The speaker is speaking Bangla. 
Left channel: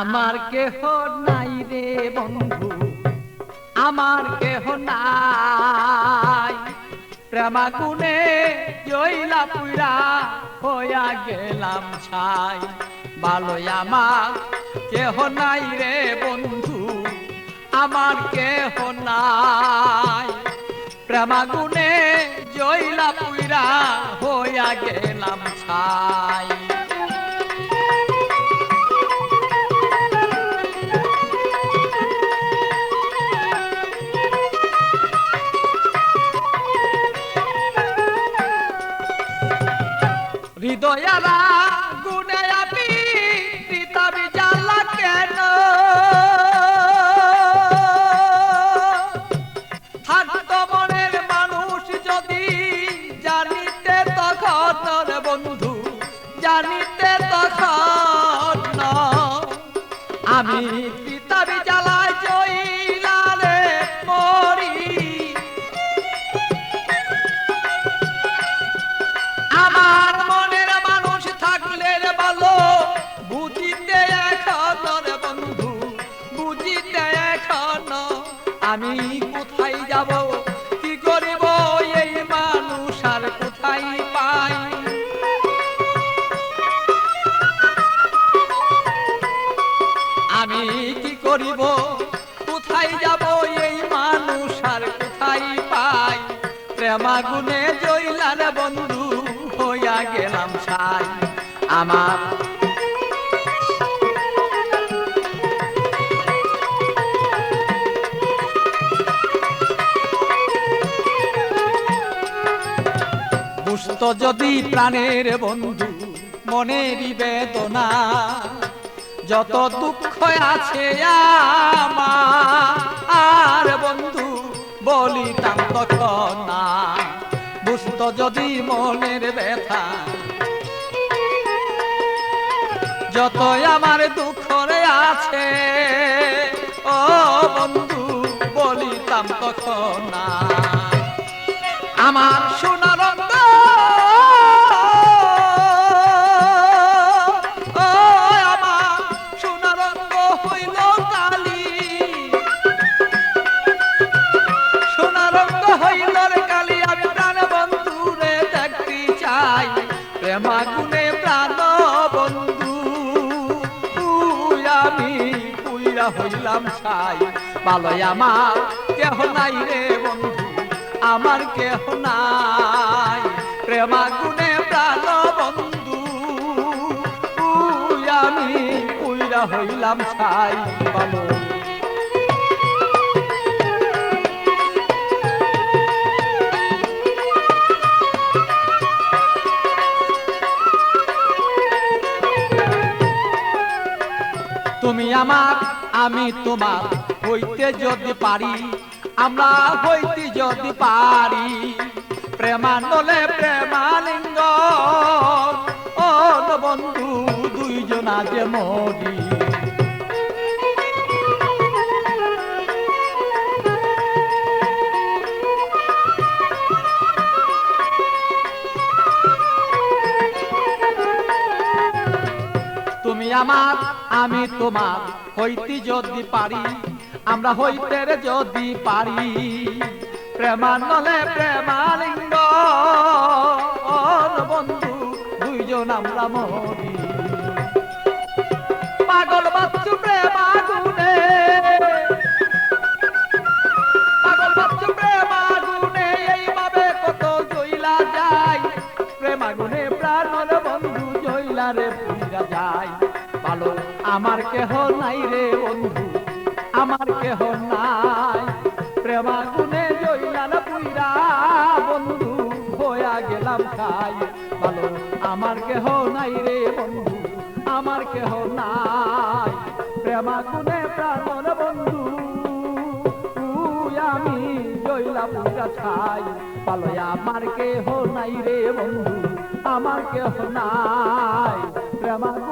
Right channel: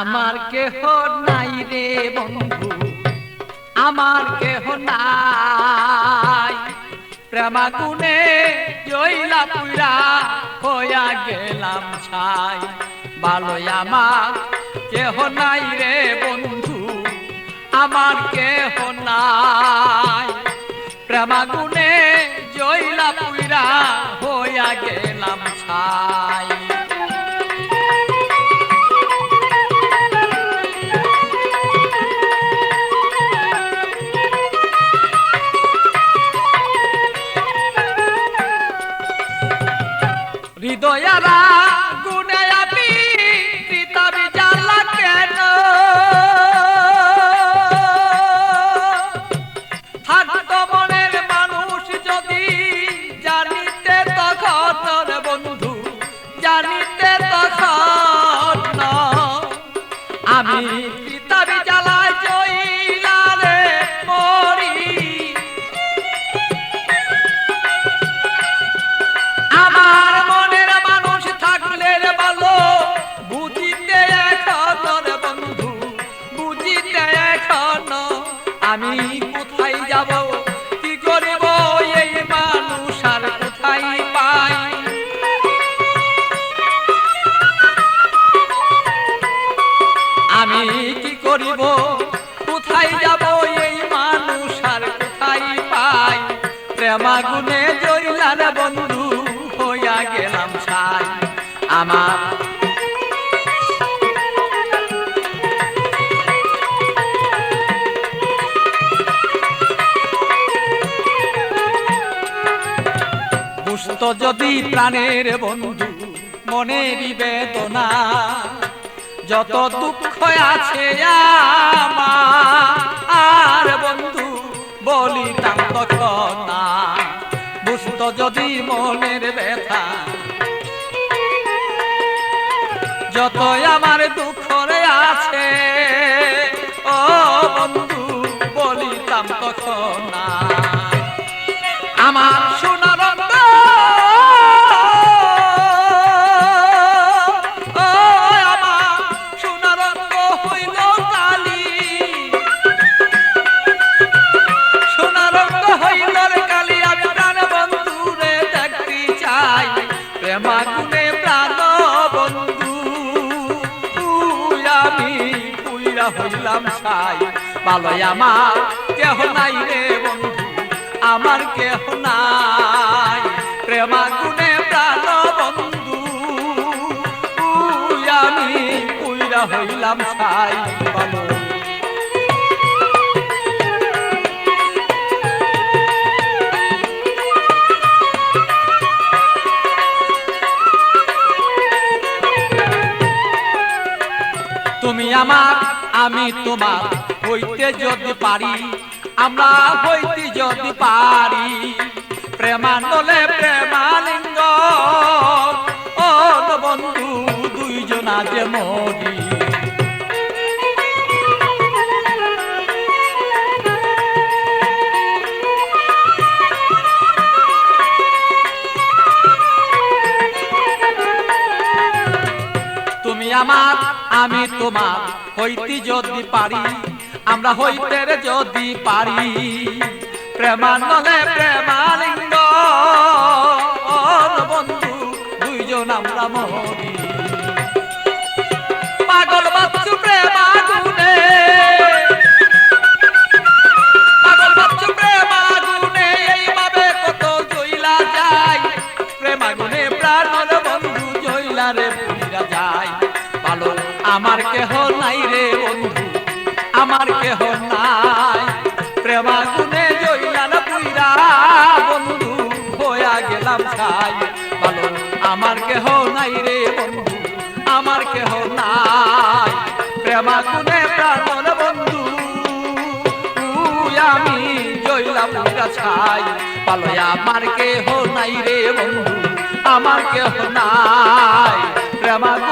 আমার কেহ নাই রে বন্ধু, আমার কেহ নাই। প্রেমাগুনে জইলা পুইরা হইয়া গেলাম ছাই। ভালোই আমার কেহ নাই রে বন্ধু, আমার কেহ নাই। প্রেমাগুনে জইলা পুইরা হইয়া গেলাম ছাই। হৃদয়ারা গুনে আমি পিতাবি জ্বালা কেন, থাকতো মনের মানুষ যদি জানিতে তখন বন্ধু, জানিতে তখন আমি পিতাবি জ্বালায় জইলা রে মরি। আমার মনের মানুষ থাকলে ভালো বুঝিতে এখন বন্ধু, বুঝিতে এখন আমি কোথায় যাব, কি করিব এই মানুষ আর কোথায় পাই। আমি কি করিব, কোথায় যাব এই মানুষ আর কোথায় পাই। প্রেমাগুনে জইলার বন্ধু হইয়া গেলাম ছাই। আমার বুঝতো যদি প্রাণের বন্ধু মনেরই বেদনা, যত দুঃখ আছে আমার বন্ধু বলিতাম তখন না। বুঝতো যদি মনের ব্যথা, যত আমার দুঃখ আছে ও বন্ধু বলিতাম তখন না। আমার সোনার প্রেমাগুনে প্রাণ বন্ধু আমি পুইরা হইলাম ছাই। ভালোই আমার কেহ নাই রে বন্ধু, আমার কেহ নাই। প্রেমাগুনে প্রাণ বন্ধু আমি পুইরা হইলাম ছাই। ভালো তুমি আমার আমি তোমার হইতে যদি পারি, আমরা হইতে যদি পারি। প্রেমানলে প্রেমালিঙ্গ ও বন্ধু দুইজনা যে মরি। তুমি আমার আমি তোমার হইতে যদি পারি, আমরা হইতে যদি পারি। প্রেমানলে প্রেমালিঙ্গ বন্ধু দুইজন আমরা মরি। পাগল বাচ্চু প্রেমাগুনে, পাগল বাচ্চু প্রেমাগুনে এইভাবে কত জইলা যায়। প্রেমাগুনে প্রাণের বন্ধু জইলা রে পুইরা যায়। ভালো আমার কেহ নাই রে বন্ধু, আমার কেহ নাই। প্রেমাগুনে জইলার পুইরা বন্ধু হইয়া গেলাম ছাই। ভালো আমার কেহ নাই রে বন্ধু, আমার কেহ নাই। প্রেমাগুনে প্রাণের বন্ধু আমি জইলা পুইরা ছাই। ভালো আমার কেহ নাই রে বন্ধু, আমার কেহ নাই। প্রেমাগুনে